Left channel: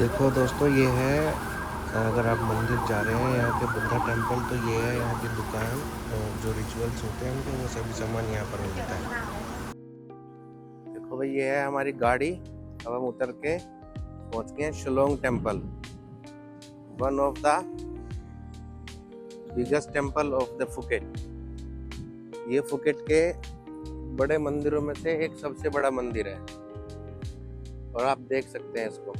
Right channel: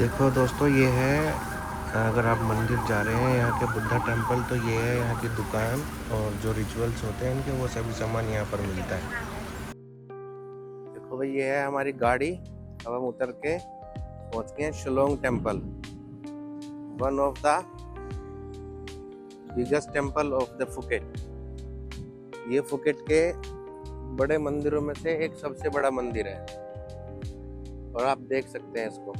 देखो दोस्तों, ये है, अगर आप मंदिर जा रहे हैं यहाँ के बुद्धा टेम्पल, तो ये है यहाँ की दुकान। और जो रिचुअल्स होते हैं इनके, वो सभी सामान यहाँ पर मिलता है। देखो भाई, ये है हमारी गाड़ी। अब हम उतर के पहुँच गए हैं Shillong temple, one of the biggest temple of the Phuket. ये फुकेट के बड़े मंदिरों में से एक सबसे बड़ा मंदिर है, और आप देख सकते हैं इसको।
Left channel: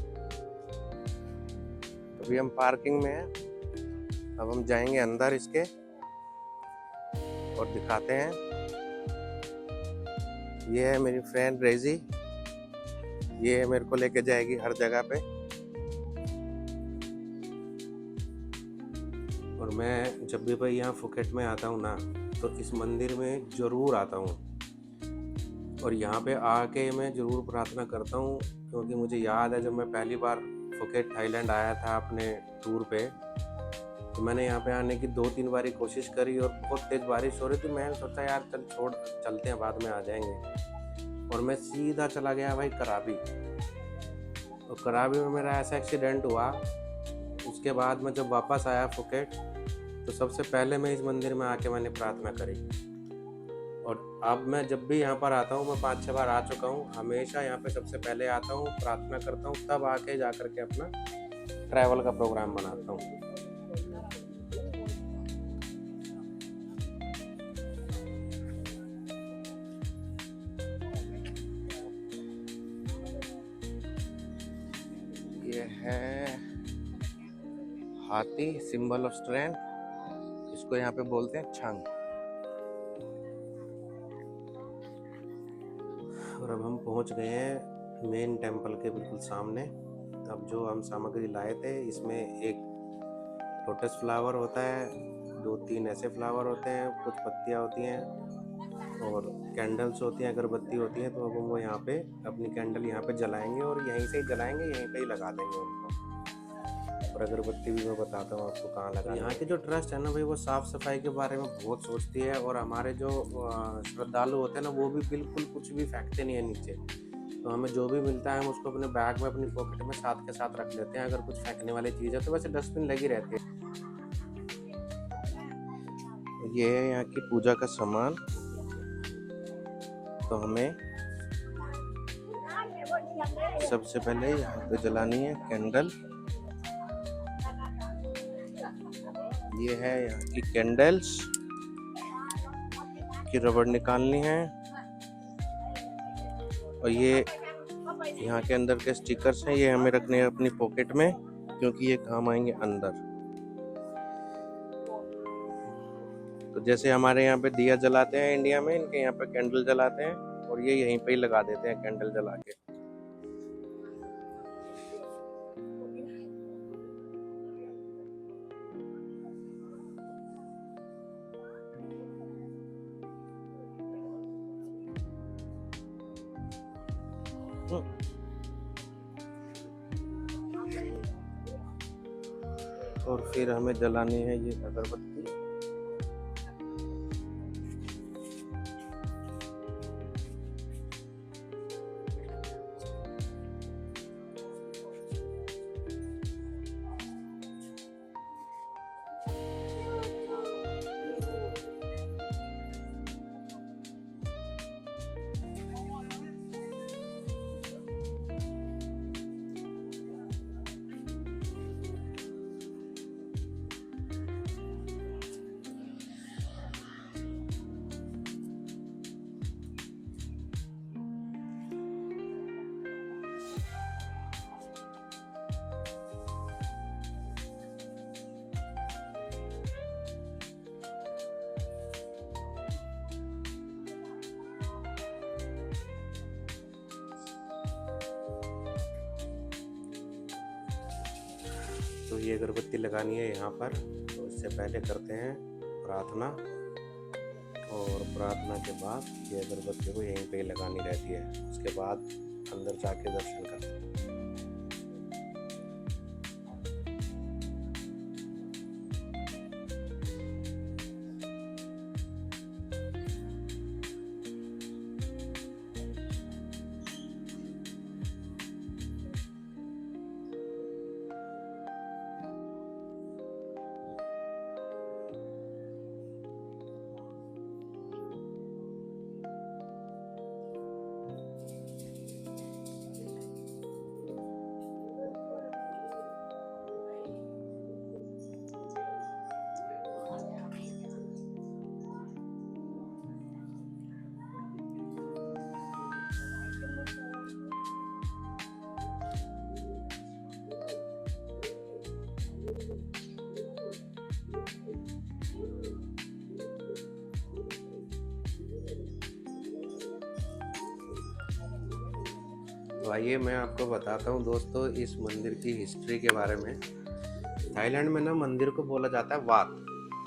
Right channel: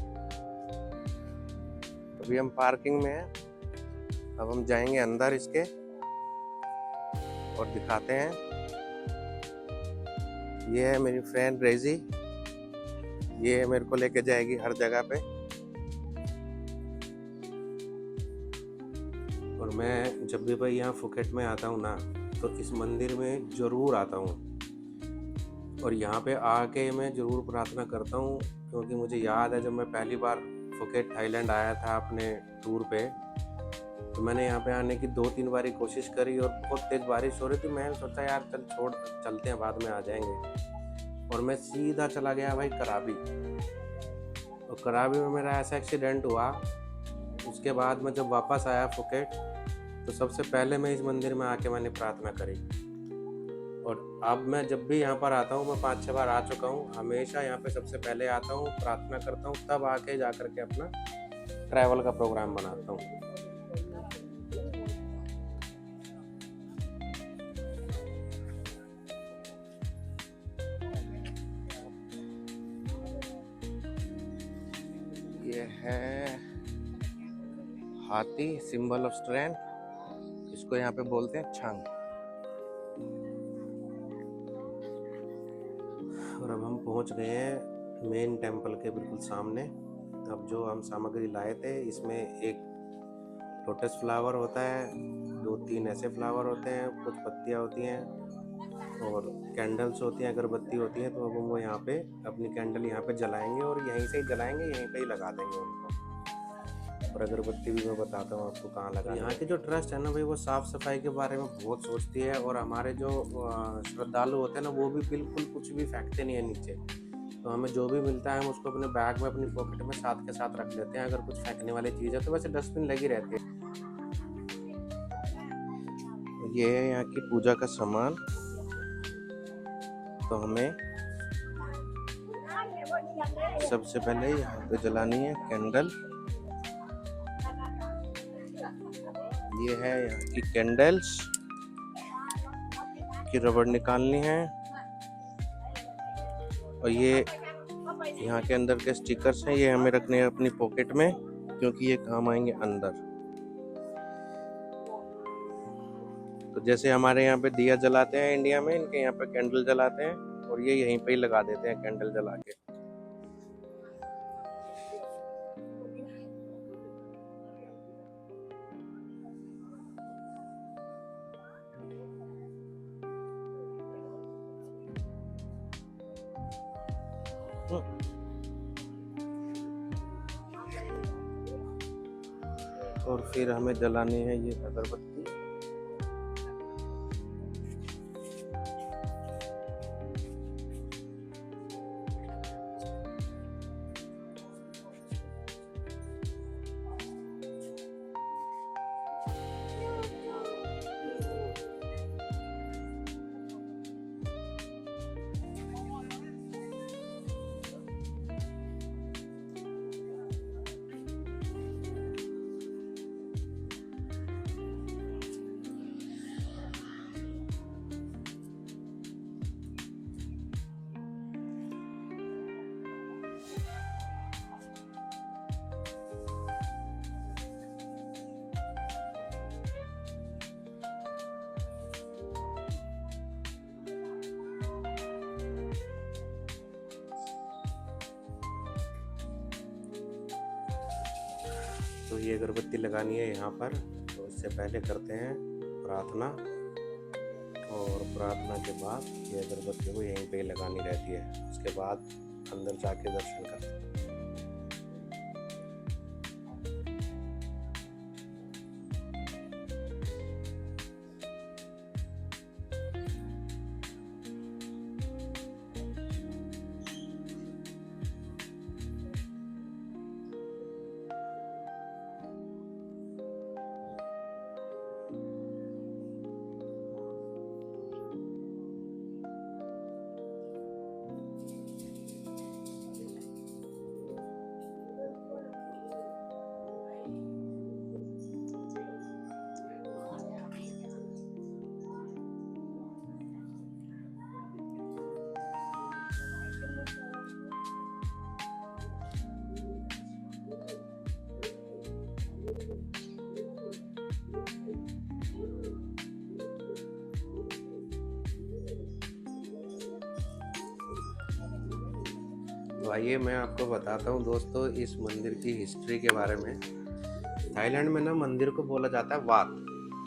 अभी हम पार्किंग में हैं, अब हम जाएंगे अंदर इसके और दिखाते हैं। ये है मेरी फ्रेंड रेजी, ये मेरे को लेके जाएगी हर जगह पे। और मैं जब भी भाई यहाँ फुकेट में आता हूँ ना, तो इस मंदिर में ज़रूर आता हूँ, और यहाँ पे आके मैं ज़रूर प्रार्थना करता हूँ। क्योंकि मुझे याद है, जब मैं पहली बार फुकेट थाईलैंड आया था अपने टूर पे, तो मैंने यहाँ पे आने की 2-3 बारी कोशिश करी, और बहुत तेज़ बारिश हो रही थी। मैंने सोचा यार चल छोड़, चलते हैं, बाद में आ जाएंगे। और मैं सीधा चला गया भाई कराबी, और कराबी में मेरा ऐसा एक्सीडेंट हुआ। उसके बाद मैं जब वापस आया फुकेट, तो सबसे पहले मैं इस मंदिर में आके मैंने प्रार्थना करी। और अब मैं जब भी यहाँ पर आता हूँ, मैं 5-6 बार आ चुका हूँ, हमेशा यहाँ पे सबसे पहले आता हूँ, प्रार्थना करता हूँ, तब आके जा करके अपना ट्रैवल का प्रोग्राम बनाता हूँ। ये है हाथी, सिंबल ऑफ स्ट्रेंथ, इसको यहाँ पे बोलते हैं छंग। और अब हम पहुँच गए हैं मेन टेम्पल के बिल्कुल सामने। अब जो हम सामग्री लाए थे, इसमें एक लोटस फ्लावर होता है, 2-3 ऐसे फ्लावर होते हैं, कुछ पत्तियाँ होती हैं, और कैंडल्स होती हैं, अगरबत्ती होती है। तो अब हम वो यहाँ पे अपनी कैंडल यहाँ पे जलाएंगे, और यहीं से ही जलाएंगे, यहीं पे ही लगा देंगे उनको। और अगरबत्ती भी मैं बताता हूँ आपको कहाँ लगा। यहाँ की जो ट्रस्ट है ना भाई, वो साफ़ सफाई के बारे में बहुत सोचती है, और हमारे जो श्रद्धालु होते हैं ना, वो भी बिल्कुल कुछ भी फेंकते नहीं है नीचे। तो हमें जो भी मिलता है, हम उसको अपने बैग में, अपनी पॉकेट में साथ के साथ रख लेते हैं। अगर कुछ फेंकने वाली चीज़ है तो वैसे डस्टबिन लगी रहती है। ये है यहाँ की पूजा का सामान। तो हमें सबसे पहले यहाँ पे जलानी है कैंडल। ये है यहाँ की कैंडल्स की रबड़ निकालनी है, और ये यहाँ के अंदर के स्टिकर्स हैं, ये हमें रखने हैं अपनी पॉकेट में, क्योंकि ये काम आएंगे अंदर। तो जैसे हमारे यहाँ पे दिया जलाते हैं इंडिया में, इनके यहाँ पे कैंडल जलाते हैं, और ये यहीं पे ही लगा देते हैं कैंडल जला के। और फिर हमें जलानी है ये अगरबत्ती। तो ये अगरबत्ती लगानी है यहाँ पर। तो इससे पहले करते हैं प्रार्थना, और प्रार्थना के बाद ये अगरबत्ती को यहीं पे ही लगानी रहती है। उसके बाद अंदर जाके दर्शन करते हैं। तो आइए मैं आपको बताता हूँ दोस्तों इस मंदिर की हिस्ट्री के बारे में। थाईलैंड में ना मंदिर को बोला जाता है वात,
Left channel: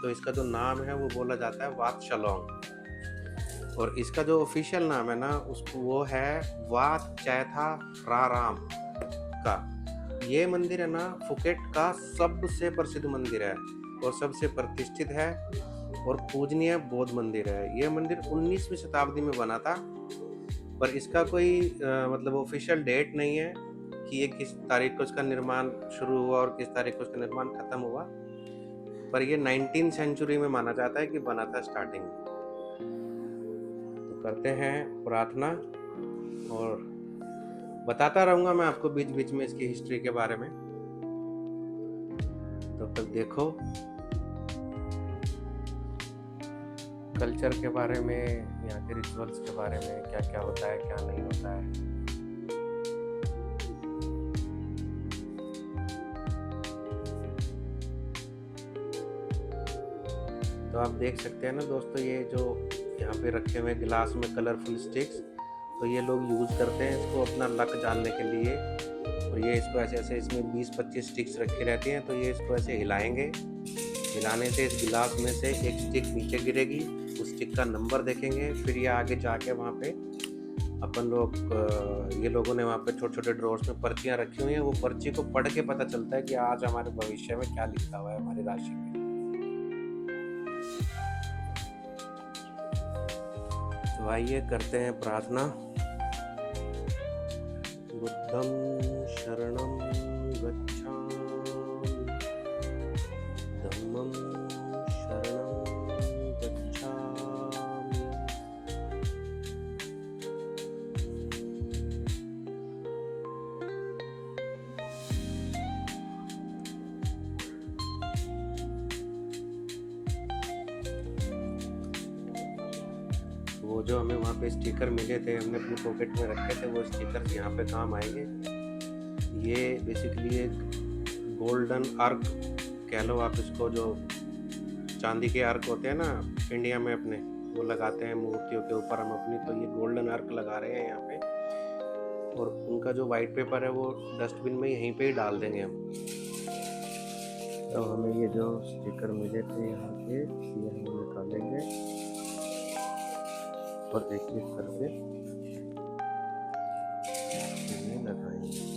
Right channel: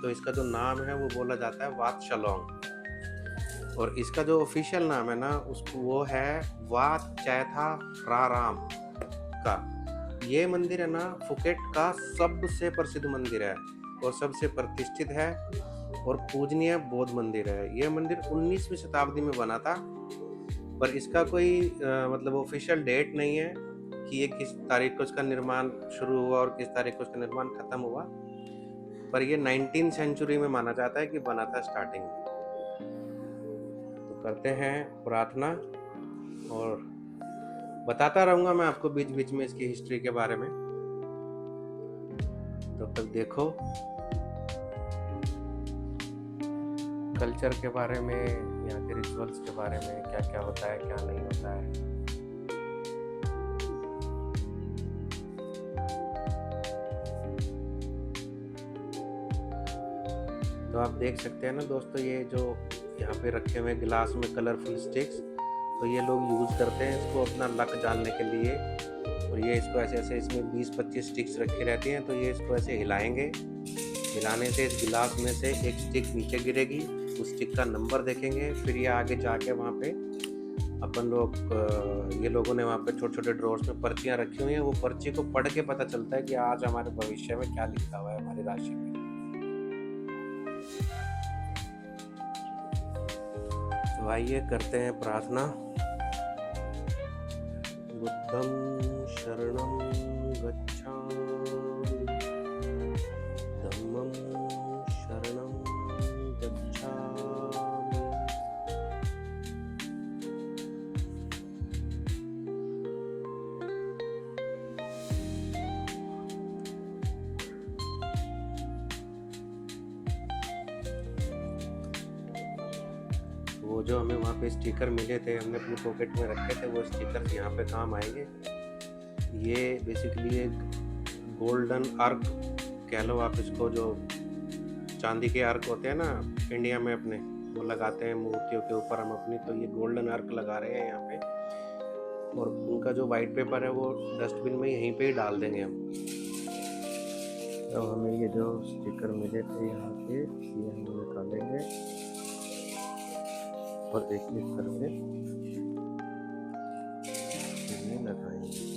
तो इसका जो नाम है वो बोला जाता है वात शलोंग। और इसका जो ऑफिशियल नाम है ना उसको वो है वात चैथा राराम का। ये मंदिर है ना फुकेट का सबसे प्रसिद्ध मंदिर है और सबसे प्रतिष्ठित है और पूजनीय बौद्ध मंदिर है। यह मंदिर 19वीं शताब्दी में बना था, पर इसका कोई मतलब ऑफिशियल डेट नहीं है कि ये किस तारीख को इसका निर्माण शुरू हुआ और किस तारीख को इसका निर्माण खत्म हुआ, पर ये 19वीं सेंचुरी में माना जाता है कि बना था स्टार्टिंग में। तो करते हैं प्रार्थना और बताता रहूँगा मैं आपको बीच बीच में इसकी हिस्ट्री के बारे में। तब तक देखो कल्चर के बारे में, यहाँ के रिचुअल्स के बारे में, क्या क्या होता है क्या नहीं होता है। तो आप देख सकते हैं ना दोस्तों, ये जो यहाँ पे रखे हुए गिलास में कलरफुल स्टिक्स, तो ये लोग यूज़ करते हैं इसको अपना लक जानने के लिए। और ये इसको ऐसे ऐसे इसमें 20-25 स्टिक्स रखी रहती हैं, तो ये इसको ऐसे हिलाएंगे। हिलाने से इस गिलास में से एक स्टिक नीचे गिरेगी, उस स्टिक का नंबर देखेंगे, फिर ये आगे जाके वहाँ पे अपन लोग ये लोगों ने वहाँ पे छोटे छोटे ड्रॉर्स में पर्चियाँ रखी हुई हैं, वो पर्ची को पढ़ के पता चलता है कि आज हमारे भविष्य में क्या लिखा हुआ है हमारी राशि में। तो आइए करते हैं प्रार्थना। बुद्धं शरणं गच्छामि, धम्मं शरणं गच्छामि, वो जो हमें वहाँ पे स्टिकर मिले थे, हमने अपनी पॉकेट में रखे थे, वो स्टिकर यहाँ पे काम आएंगे। ये बेसिकली एक गोल्डन अर्क कह लो आप इसको, जो चांदी के अर्क होते हैं ना इंडिया में अपने, वो लगाते हैं मूर्तियों के ऊपर हम अपनी, तो ये गोल्डन अर्क लगा रहे हैं यहाँ पे। और उनका जो वाइट पेपर है वो डस्टबिन में यहीं पे ही डाल देंगे हम। तो हमें ये जो स्टिकर मिले थे यहाँ के, ये हम निकालेंगे और एक एक करके ये लगाएंगे।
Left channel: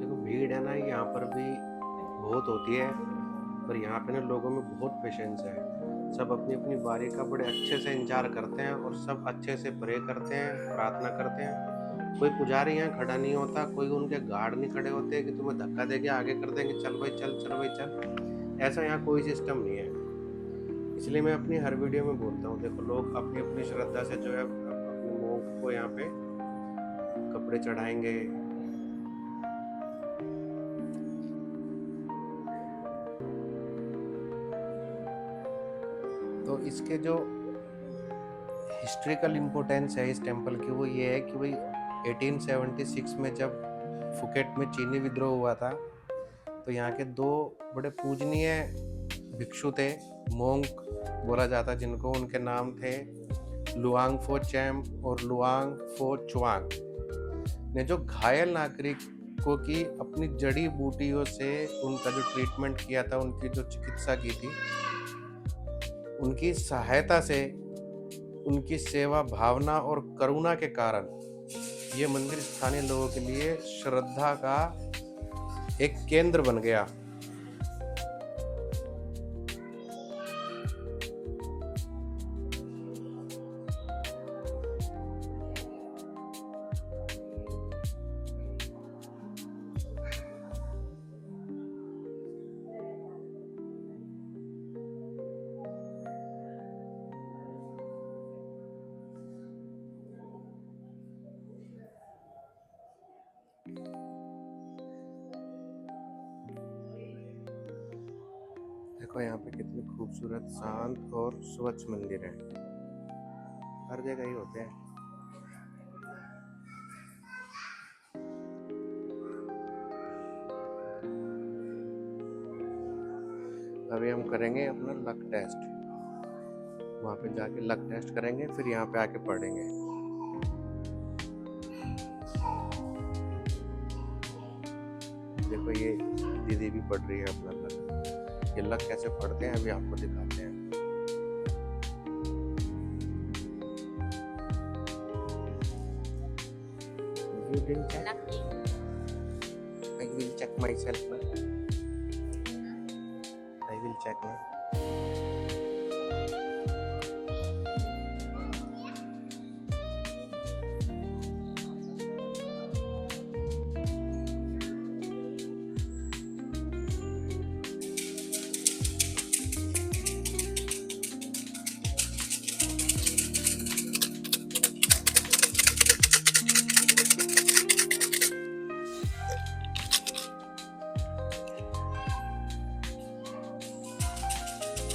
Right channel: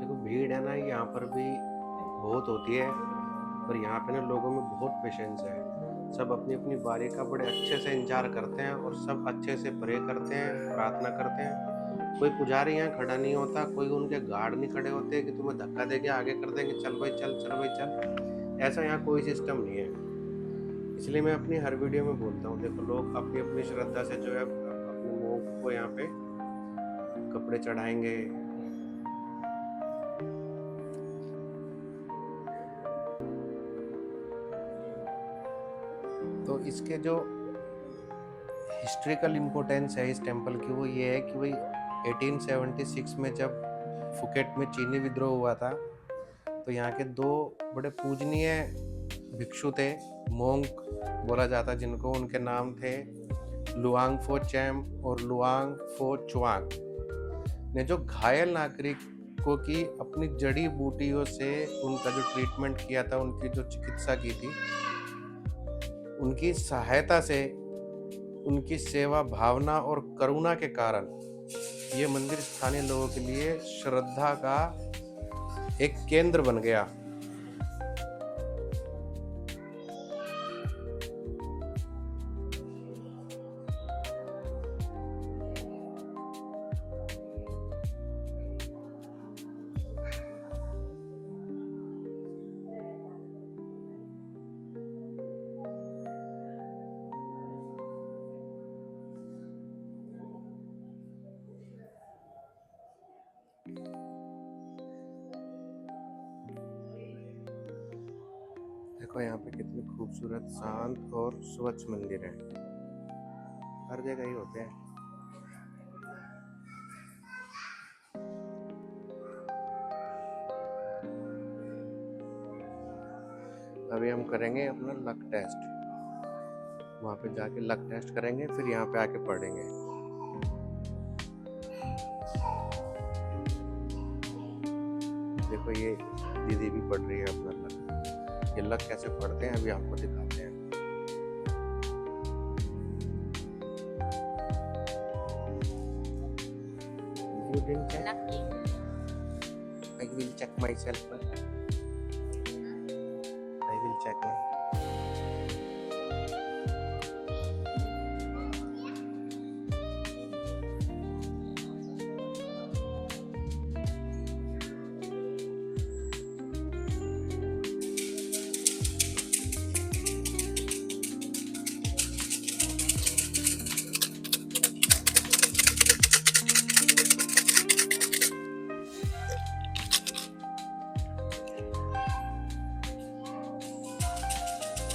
देखो भीड़ है ना यहाँ पर भी बहुत होती है, पर यहाँ पे ना लोगों में बहुत पेशेंस है। सब अपनी अपनी बारी का बड़े अच्छे से इंतजार करते हैं और सब अच्छे से प्रे करते हैं, प्रार्थना करते हैं। कोई पुजारी यहाँ खड़ा नहीं होता, कोई उनके गार्ड नहीं खड़े होते कि तुम्हें धक्का देके आगे कर देंगे, चल भाई चल, चल भाई चल। ऐसा यहाँ कोई सिस्टम नहीं है। इसलिए मैं अपनी हर वीडियो में बोलता हूँ, देखो लोग अपनी अपनी श्रद्धा से जो है अपने मुंह को यहाँ पे कपड़े चढ़ाएंगे। तो इसके जो हिस्ट्रिकल इम्पोर्टेंस है इस टेंपल की, वो ये है कि भाई 1876 में जब फुकेट में चीनी विद्रोह हुआ था, तो यहाँ के दो बड़े पूजनीय भिक्षु थे, मोंक बोला जाता जिनको, उनके नाम थे लुआंग फो चैम और लुआंग फो चुआंग ने जो घायल नागरिकों की अपनी जड़ी बूटियों से उनका जो ट्रीटमेंट किया था, उनकी जो चिकित्सा की थी, उनकी सहायता से, उनकी सेवा भावना और करुणा के कारण ये मंदिर स्थानीय लोगों के लिए श्रद्धा का एक केंद्र बन गया। देखो यहाँ पे कितनी खूबसूरत, शांत और स्वच्छ मंदिर है। हर जगह ही होते हैं। अभी हम करेंगे अपना लक टेस्ट। वहाँ पे जाके लक टेस्ट करेंगे, फिर यहाँ पे आके पढ़ेंगे। देखो ये दीदी भी पढ़ रही है अपना लक। ये लक कैसे पढ़ते हैं अभी आपको दिखाते हैं। You didn't check? Lucky. I will check myself now. I will check now.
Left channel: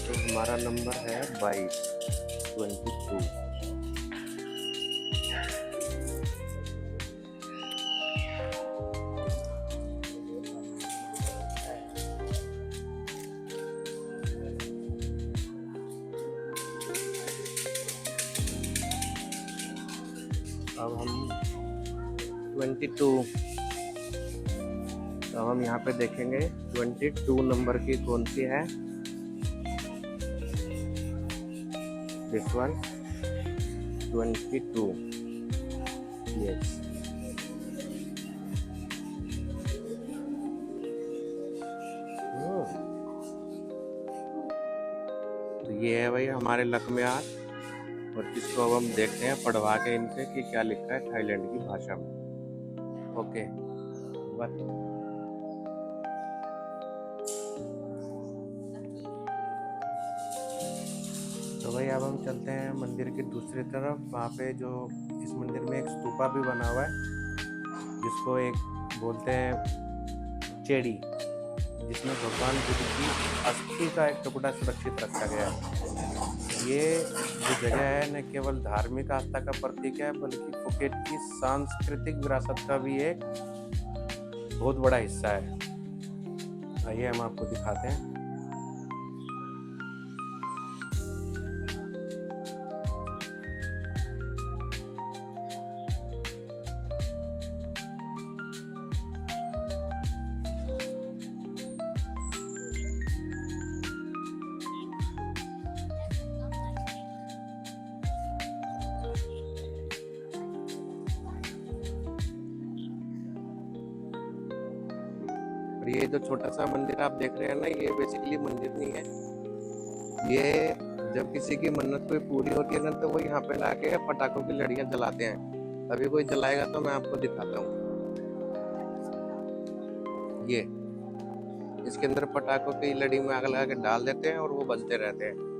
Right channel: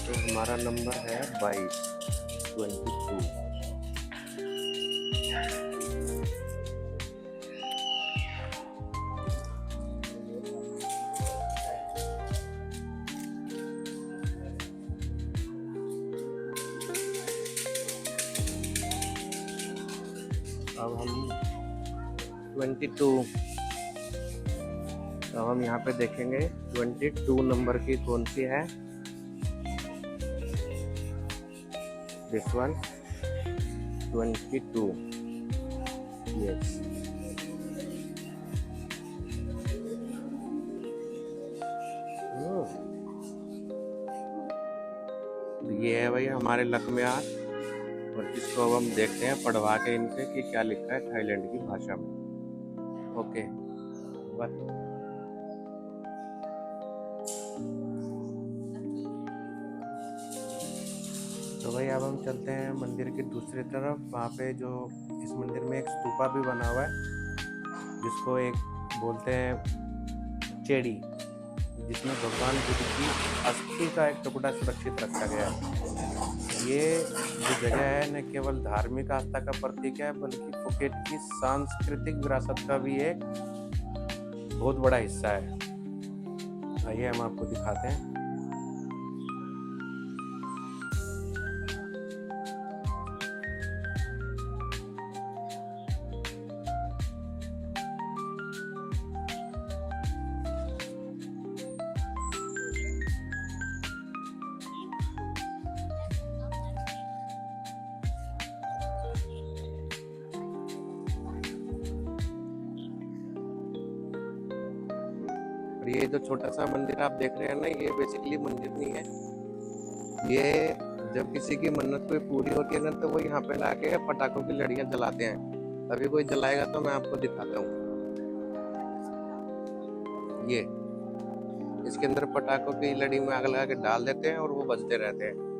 तो हमारा नंबर है 22। अब हम 22, तो हम यहाँ पे देखेंगे 22 नंबर की कौन सी है। This one 22, yes। तो ये है भाई हमारे लक में आज, और इसको अब हम देखते हैं पढ़वा के इनसे कि क्या लिखा है थाईलैंड की भाषा में। ओके बस। तो भाई अब हम चलते हैं मंदिर की दूसरी तरफ। वहाँ पे जो इस मंदिर में एक स्तूपा भी बना हुआ है, जिसको एक बोलते हैं चेड़ी, जिसमें भगवान बुद्ध की अस्थि का एक टुकड़ा सुरक्षित रखा गया है। ये जो जगह है न केवल धार्मिक आस्था का प्रतीक है, बल्कि फुकेट की सांस्कृतिक विरासत का भी एक बहुत बड़ा हिस्सा है। आइए हम आपको दिखाते हैं। और ये जो छोटा सा मंदिर आप देख रहे हैं ना, ये बेसिकली मंदिर नहीं है। ये जब किसी की मन्नत कोई पूरी होती है ना, तो वो यहाँ पे लाके पटाखों की लड़ियां जलाते हैं। अभी कोई जलाएगा तो मैं आपको दिखाता हूँ। ये इसके अंदर पटाखों की लड़ी में आग लगा के डाल देते हैं और वो बजते रहते हैं।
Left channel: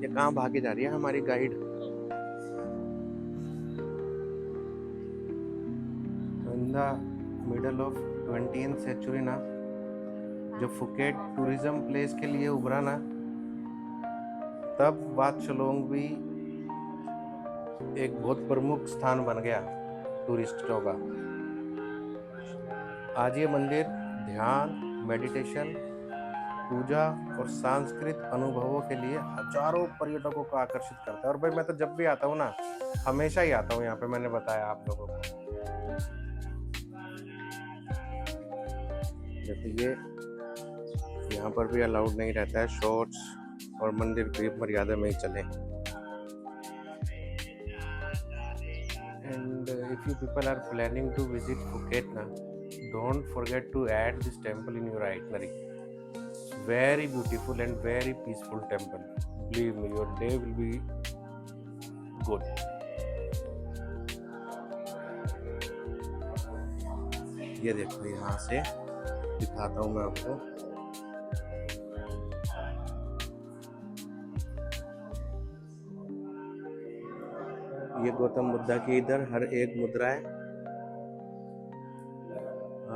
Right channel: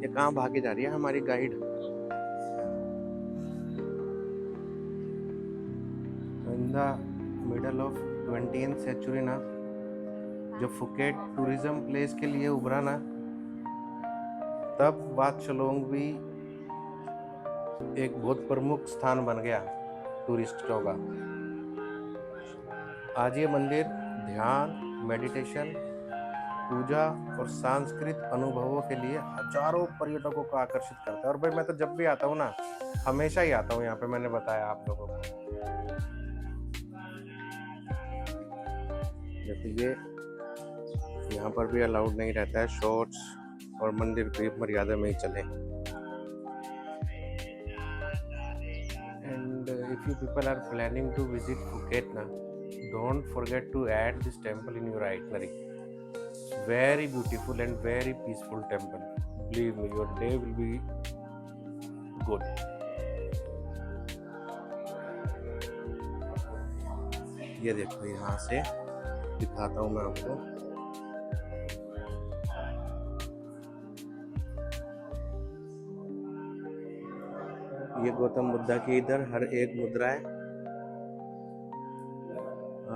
ये कहाँ भागी जा रही है हमारी guide. In the middle of 20th century ना, जो फुकेट टूरिज्म प्लेस के लिए उभरा ना, तब वात शलोंग भी एक बहुत प्रमुख स्थान बन गया टूरिस्टों का। आज ये मंदिर ध्यान, मेडिटेशन, पूजा और सांस्कृतिक अनुभवों के लिए हजारों पर्यटकों को आकर्षित करता है। और भाई मैं तो जब भी आता हूँ ना, हमेशा ही आता हूँ यहाँ पे, मैंने बताया आप लोगों को। देखो ये यहाँ पर भी अलाउड नहीं रहता है शॉर्ट्स, और मंदिर की मर्यादा में ही चले। And if you people are planning to visit Phuket ना, don't forget to add this temple in your itinerary. Very beautiful and very peaceful temple. Believe me, your day will be good. ये देखो, यहाँ से दिखाता हूँ मैं आपको। ये गौतम बुद्धा की इधर हर एक मुद्रा है,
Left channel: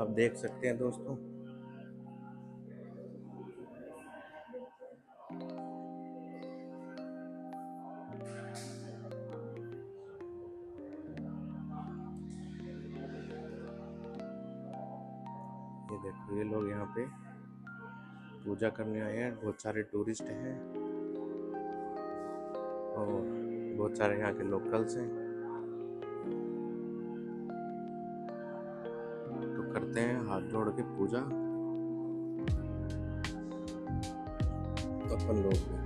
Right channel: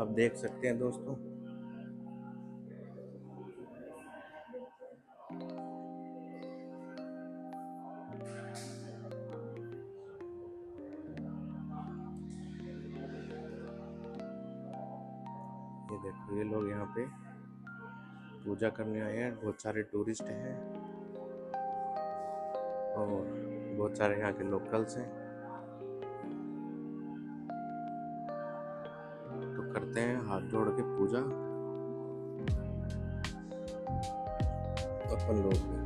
आप देख सकते हैं दोस्तों। ये देखो, ये लोग यहाँ पे पूजा करने आए हैं, बहुत सारे टूरिस्ट हैं और बहुत सारे यहाँ के लोकल्स हैं। तो करते हैं हाथ जोड़ के पूजा अपन लोग भी।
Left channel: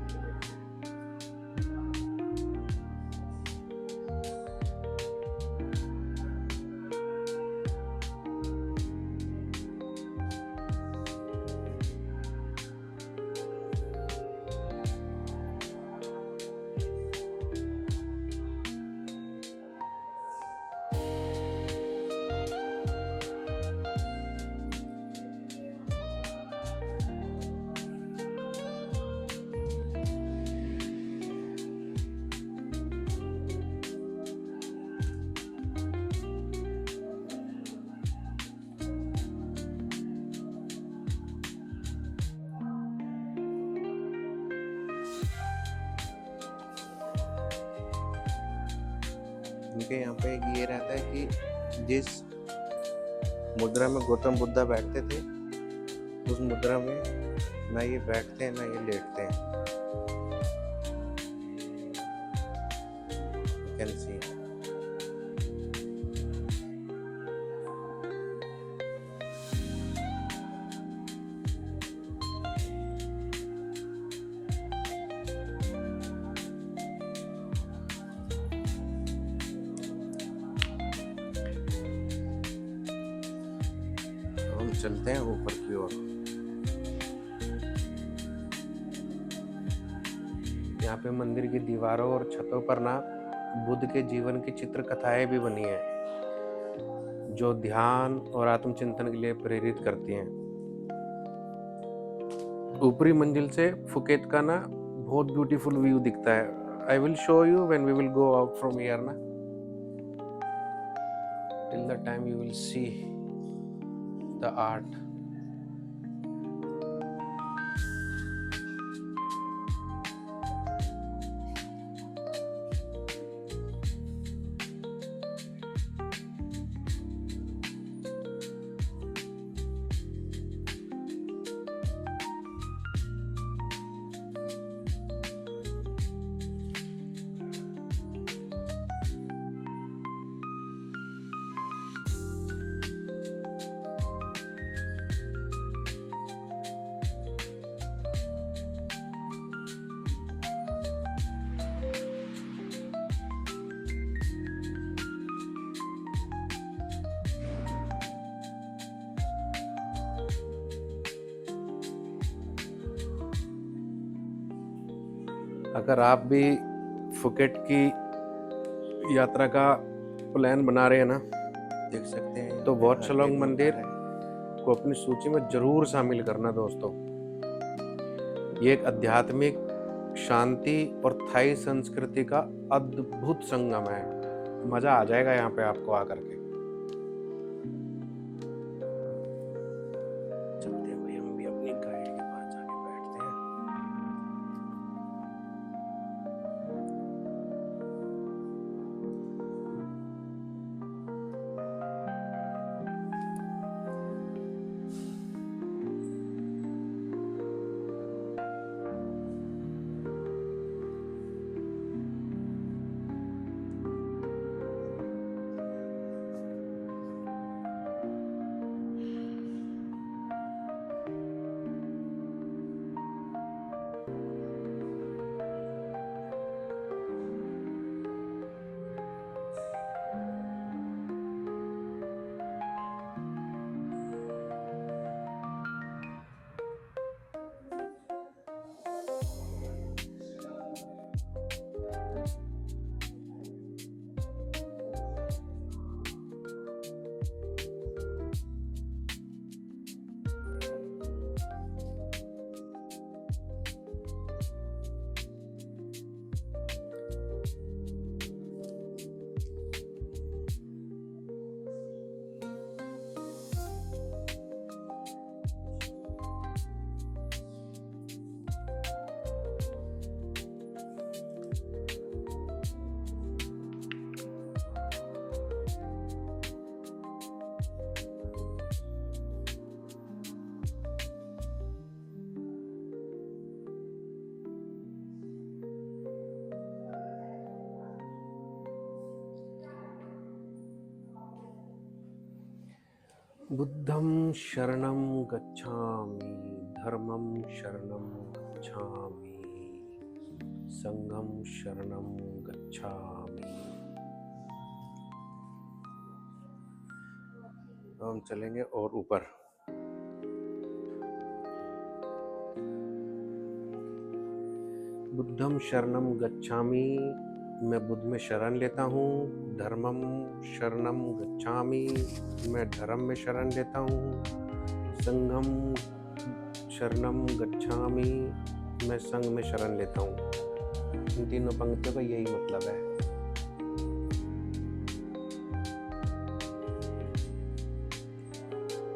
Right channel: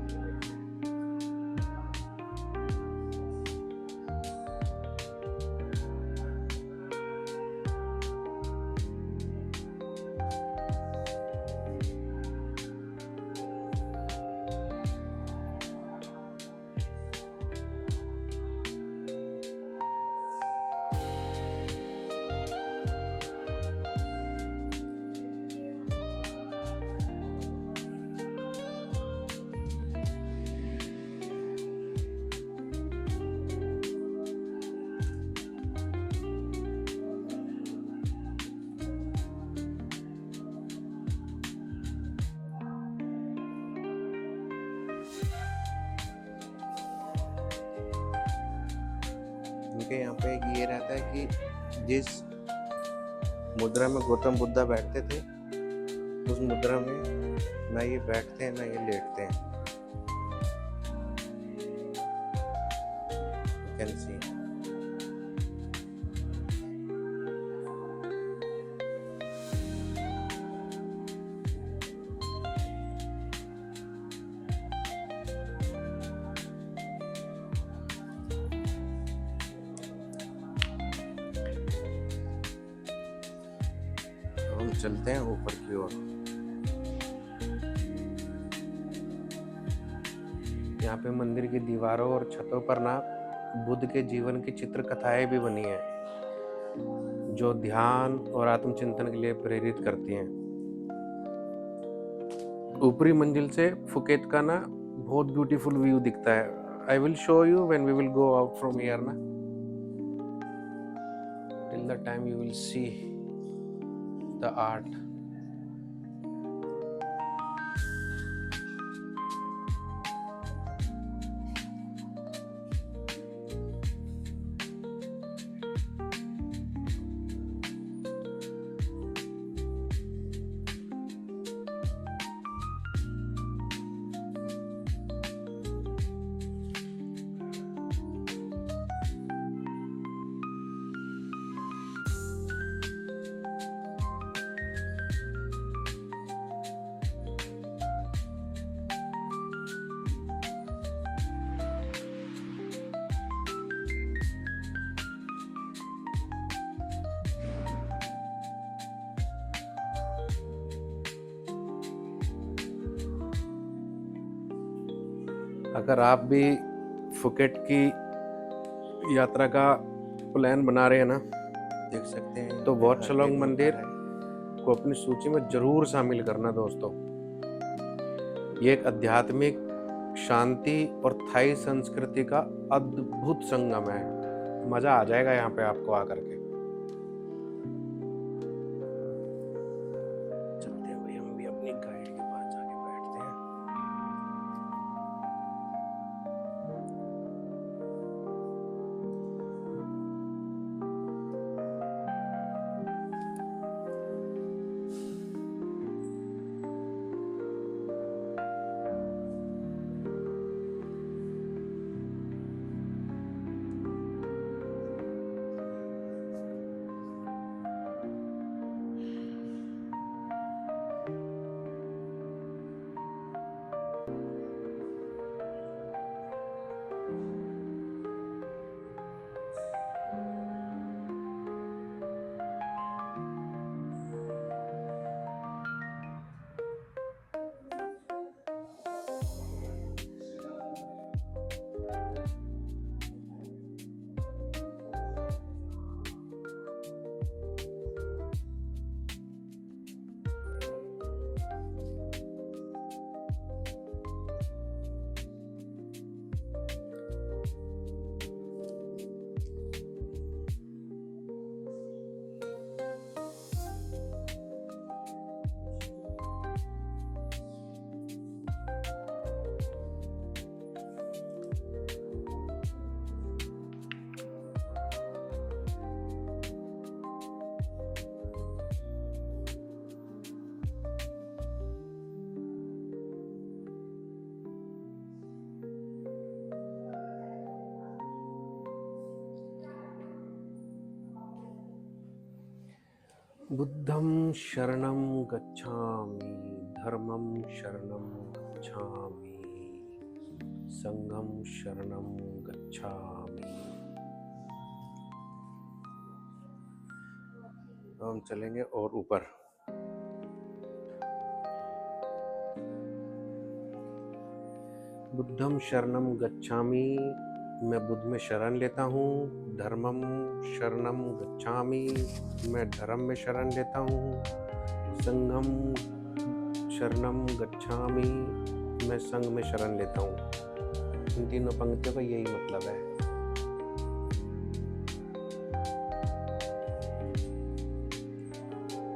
उनके यहाँ पे ये रहता है कि जिस मुद्रा में गौतम बुद्धा बैठते थे, उस मुद्रा में ना ये बैठते हैं ना ये लेटते हैं। You can see. हम चलते हैं ऊपर की ओर। यहाँ पे मंदिर की दीवारों और छतों पर ना बुद्ध के जीवन की चित्र कथाएं भी बनी हैं, जो ध्यान और आत्मचिंतन के लिए प्रेरित करती हैं। ऊपरी मंजिल से फुकेत का ना बहुत ब्यूटीफुल व्यू दिखता है। I will show you when we will go out from here ना। Till the time you will see the art. अगर आप भी फुकेट की यात्रा का प्लान बना रहे हैं ना, देख सकते हैं, तो वाट शलोंग मंदिर को अपनी सूची में जरूर शामिल करना दोस्तों। ये एक आध्यात्मिक शांति और थाई संस्कृति का अद्भुत संगम है। मजा आ जाएगा यहाँ पे आपको आकर के। चलते हैं भाई, हम भी अपनी गाइड के पास जाके बैठते हैं। बुद्धं शरणं गच्छामि, धर्मं शरणं गच्छामि, संघं शरणं गच्छामि। हम चलेंगे और ऊपर। बुद्धं शरणं गच्छामि, मैं बुद्ध में शरण लेता हूँ। धर्मं शरणं गच्छामि, मैं धर्म में शरण लेता हूँ। संघं शरणं गच्छामि, मैं संघ में शरण लेता हूँ। इन तीनों पंक्तियों का यही मतलब है।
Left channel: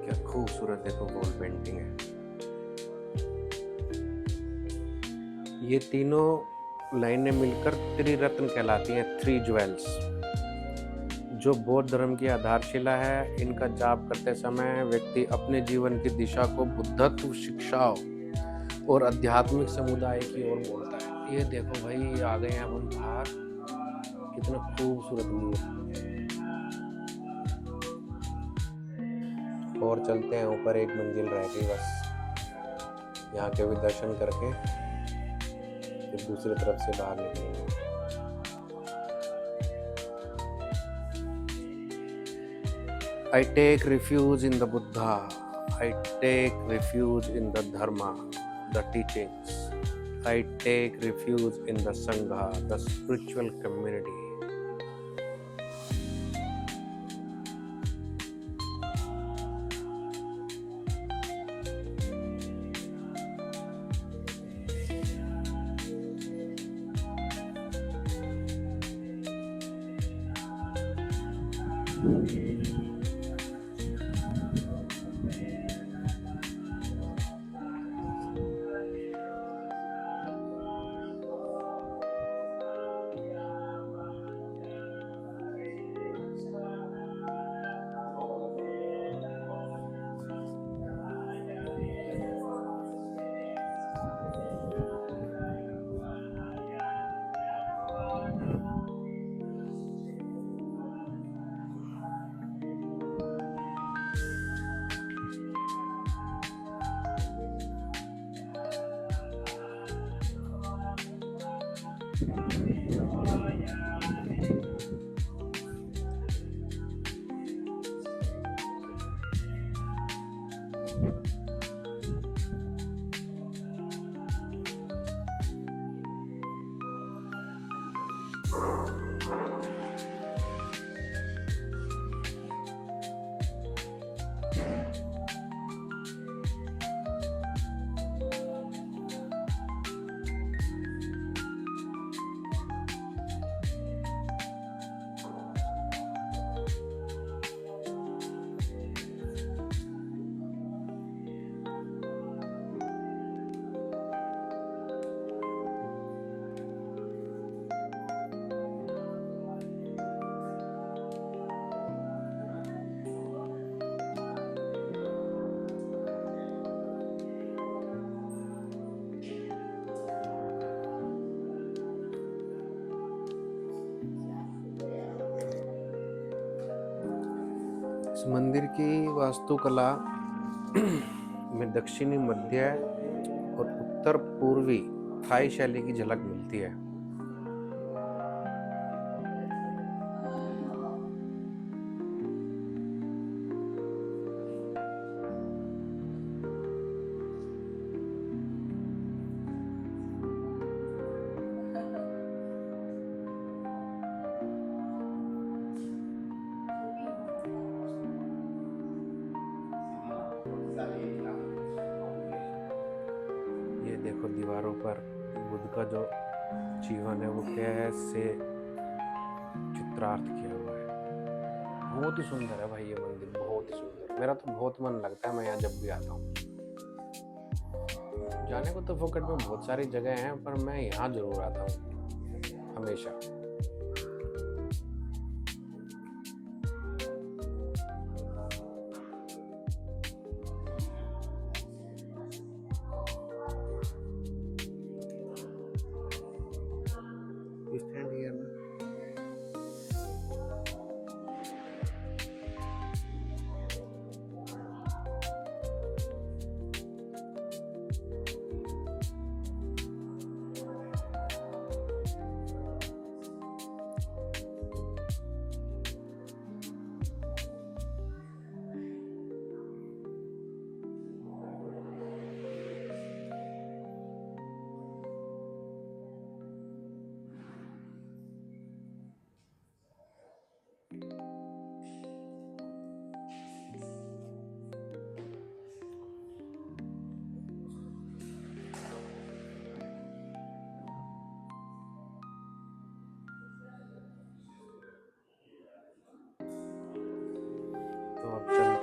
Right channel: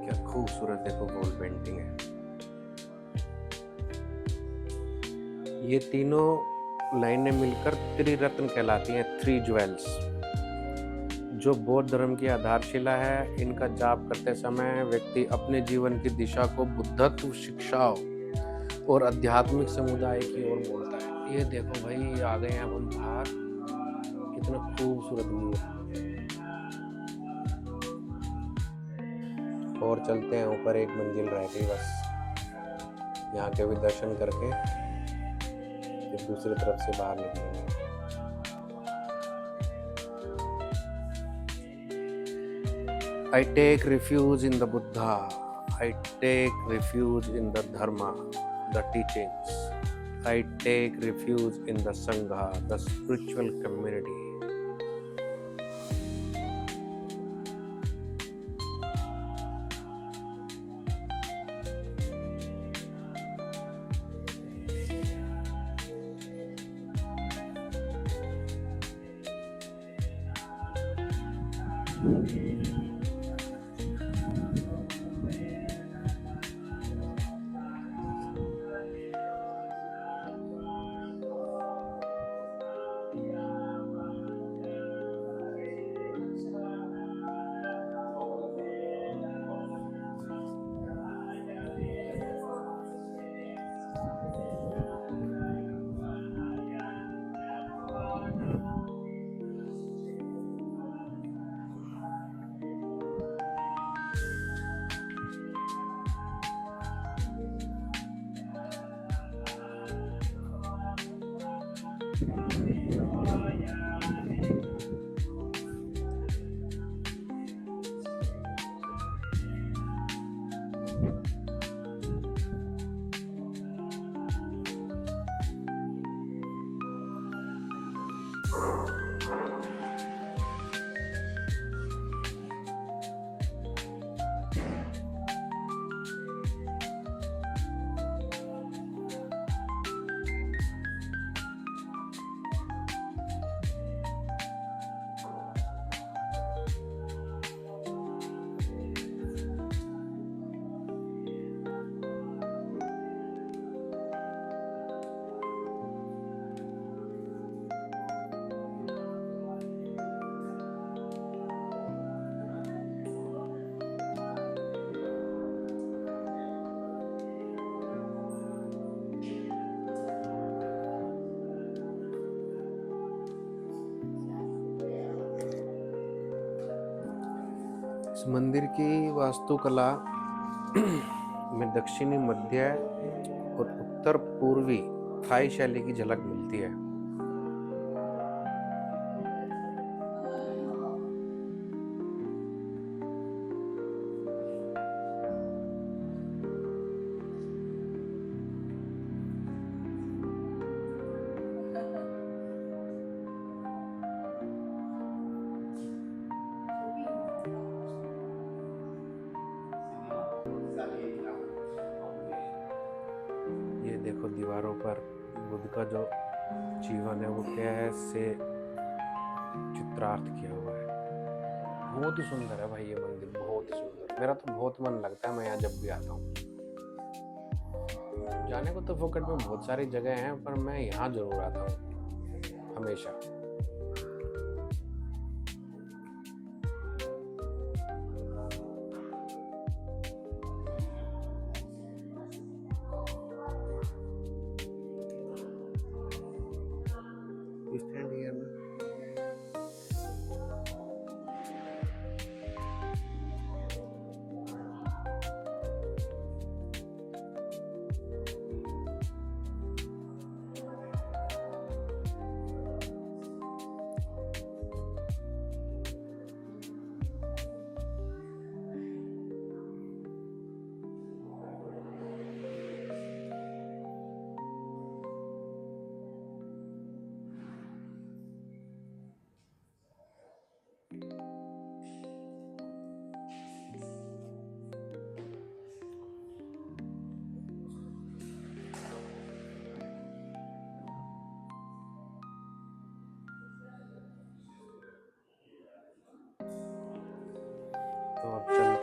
क्या खूबसूरत देखो वॉल पेंटिंग है। ये तीनों लाइनें मिलकर त्रिरत्न कहलाती हैं, 3 ज्वेल्स, जो बौद्ध धर्म की आधारशिला है। इनका जाप करते समय व्यक्ति अपने जीवन की दिशा को बुद्धत्व, शिक्षाओं और आध्यात्मिक समुदाय की ओर मोड़ता है। ये देखो भाई, आ गए हैं हम बाहर, कितना खूबसूरत व्यू है। और चलते हैं ऊपर, एक मंजिल रह गई बस। यहाँ के भी दर्शन करके फिर दूसरी तरफ से बाहर निकलेंगे। I take refuge in the Buddha. I take refuge in the Dharma, the teachings. I take refuge in the Sangha, the spiritual community. इस मंदिर की वास्तुकला में दक्षिणी, मध्य और उत्तर पूर्वी थाई शैली की झलक मिलती है। ये देखो दीवारों पर बुद्ध का जो जीवन है वो क्या है से चित्रार्थ किया हुआ है। बहुत ही सुंदर है भाई ये मंदिर, बहुत ही सुंदर। मेरा तो बहुत मन लगता है, मैं यहाँ जब भी आता हूँ। जाने को तो फोकट में बहुत सारी जगह हैं, पर मैं यहाँ जरूर आता हूँ हमेशा। Stand here ना।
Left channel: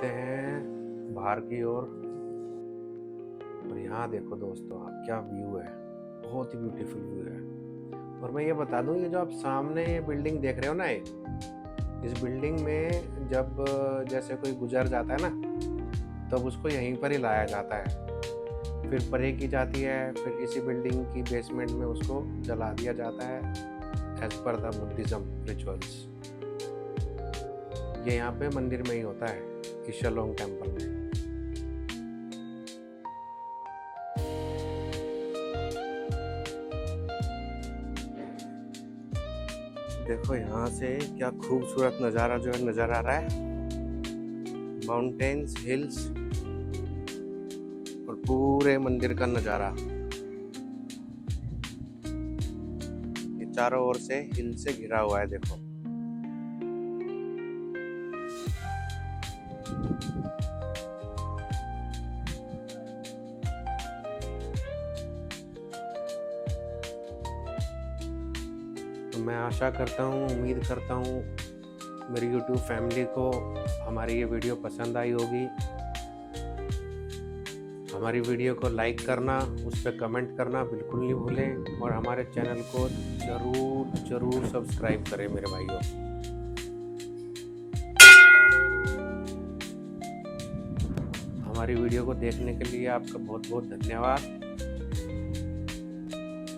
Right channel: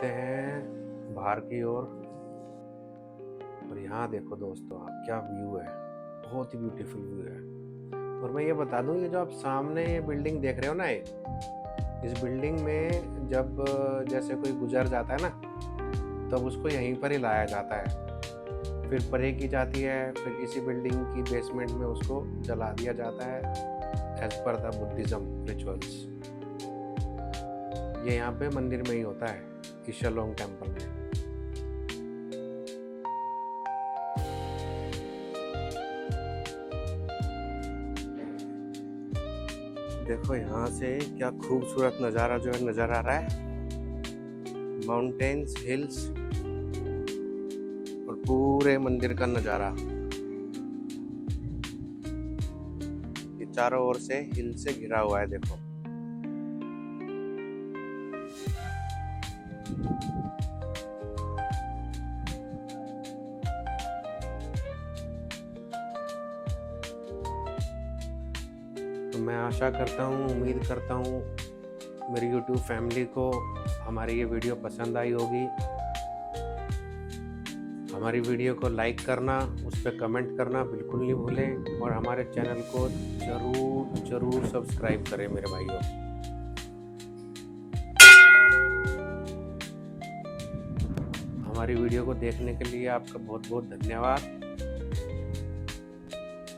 चलते हैं बाहर की ओर। और यहाँ देखो दोस्तों आप, क्या व्यू है, बहुत ही ब्यूटीफुल व्यू है। और मैं ये बता दूँ, ये जो आप सामने ये बिल्डिंग देख रहे हो ना, इस बिल्डिंग में जब जैसे कोई गुजर जाता है ना, तब उसको यहीं पर ही लाया जाता है, फिर प्रे की जाती है, फिर इसी बिल्डिंग की बेसमेंट में उसको जला दिया जाता है as per the Buddhism rituals. ये यहाँ पे मंदिर में ही होता है, ईशालोंग टेम्पल में। देखो यहाँ से क्या खूबसूरत नज़ारा जो है नज़र आ रहा है, माउंटेन्स, हिल्स और पूरे मंदिर का नज़ारा। ये चारों ओर से हिल से घिरा हुआ है देखो। तो मैं आशा करता हूँ, उम्मीद करता हूँ मेरी YouTube फैमिली को हमारी ये वीडियो पसंद आई होगी। हमारी वीडियो को लाइक करना, उस पर कमेंट करना बिल्कुल नहीं भूलें, और हमारे चैनल को ज़रूर सब्सक्राइब करें मेरे भाइयों। हमारी वीडियो को देखने के लिए आपका बहुत बहुत धन्यवाद।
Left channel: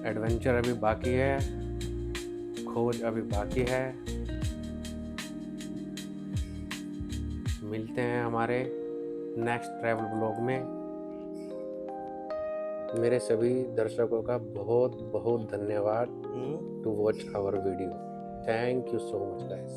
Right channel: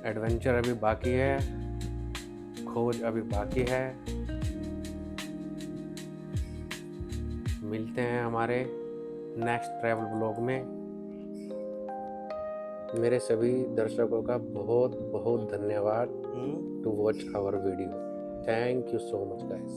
एडवेंचर अभी बाकी है, खोज अभी बाकी है। मिलते हैं हमारे नेक्स्ट ट्रैवल ब्लॉग में। मेरे सभी दर्शकों का बहुत बहुत धन्यवाद to watch our video. Thank you so much guys.